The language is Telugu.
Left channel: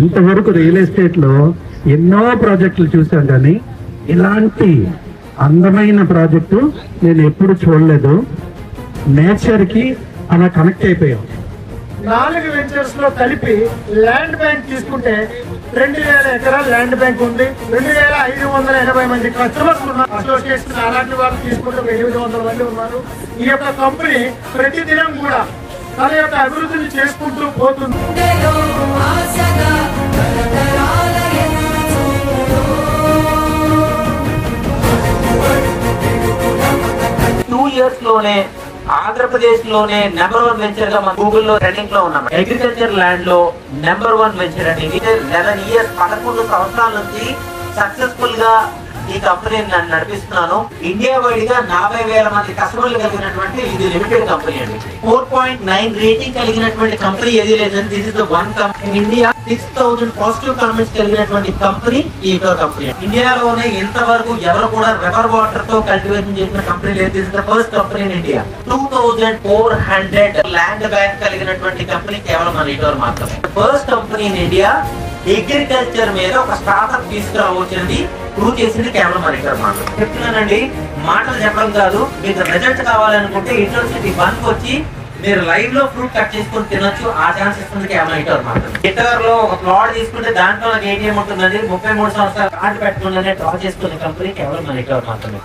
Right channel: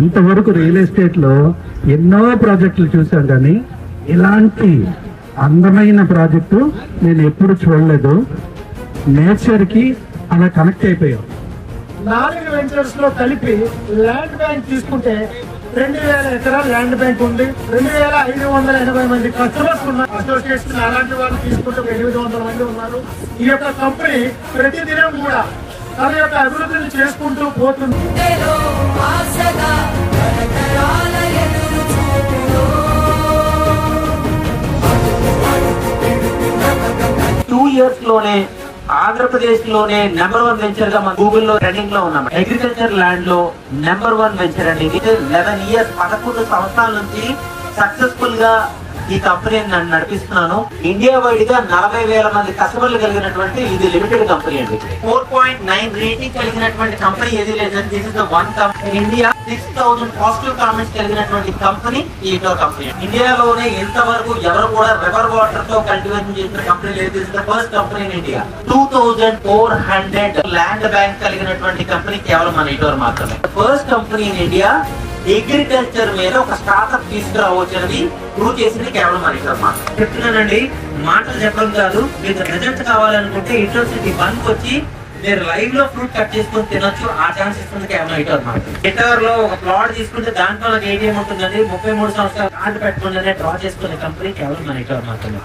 ఇంతవరకు రియల్ ఎస్టేట్ లో ఎన్నో ప్రాజెక్టులు చూసాం, కానీ ఇలాంటి అందమైన ప్రాజెక్టు నేను ఎప్పుడు చూడలేదు. నేచర్ కి అలా కనెక్ట్ అయిపోయాం. 4 వెంచర్స్ లో కలిపి ల్యాండ్ బ్యాంక్ తీసుకుంటే 2000 ఎకరాల ల్యాండ్ బ్యాంక్ ఉంది. 2580 మంది కస్టమర్స్ ఉన్నారు. అసోసియేషన్ అలాంటి వాళ్ళు తీసుకుంటే 800 మంది ఉన్నారు. ఈ యొక్క కంపెనీ ప్రతిదినం కూడా తన యొక్క అభివృద్ధిని చేసుకుంటూ పోతుంది. 2 years లోనే ఆంధ్రప్రదేశ్ లోనే నెంబర్ 1 వెంచర్ గా మన గూగుల్ లో ట్రెండింగ్ లో ఉన్నాం. అగ్రికల్చర్ ల్యాండ్ లో నెంబర్ 1 వెంచర్ అండి. 11 years 11 సంవత్సరాల నుంచి సక్సెస్ఫుల్ గా ఈ కంపెనీని నేను నడిపిస్తున్నాను. ఇండియా వైడ్ గా 40,000 మంది కస్టమర్లు కలిగినటువంటి ఇది లిమిటెడ్ కంపెనీ అండి. 4.9 రేటింగ్ కలిగినటువంటి కంపెనీ ఏది లేదండి. This is the one company India. 6,000 positive comments కలిగినటువంటి కంపెనీ ఈ కంపెనీ. ఇండియాలోనే ఇంతవరకు ఎవరు కూడా రివర్ వాటర్ తో కల్టివేషన్ చేసిన కంపెనీ లేదు. This is the first company in India. 2,400 land bank కలిగినటువంటి కంపెనీ కేవలం మన ఇటోర్ మాత్రమే. First company in India agriculture మీద ఒక స్టార్ట్అప్ తీసుకురావచ్చని ప్రూవ్ చేసింది కేవలం మన ఇటోర్ మాత్రమే. చెప్తున్నానండి, మాటలు చెప్పడం కాదు. మీకు రిజల్ట్ కావాలనుకుంటే ఇంటర్సిటీ 1 వచ్చి మీరు లైవ్ లో ఫ్రూట్ కట్ చేసుకొని తినొచ్చు. ఆ ఛాన్స్ ఇస్తుంది కేవలం ఇటోర్ మాత్రమే. ఇటోర్ లో ఒక ప్లాట్ తీసుకుంటే దాంట్లో ఏటీఎం ఉంటుందండి. 33 సంవత్సరాలు కార్డు పెట్టుకుంటే డ్రా చేసుకునే కంపెనీ కేవలం మన ఇటోర్ మాత్రమే.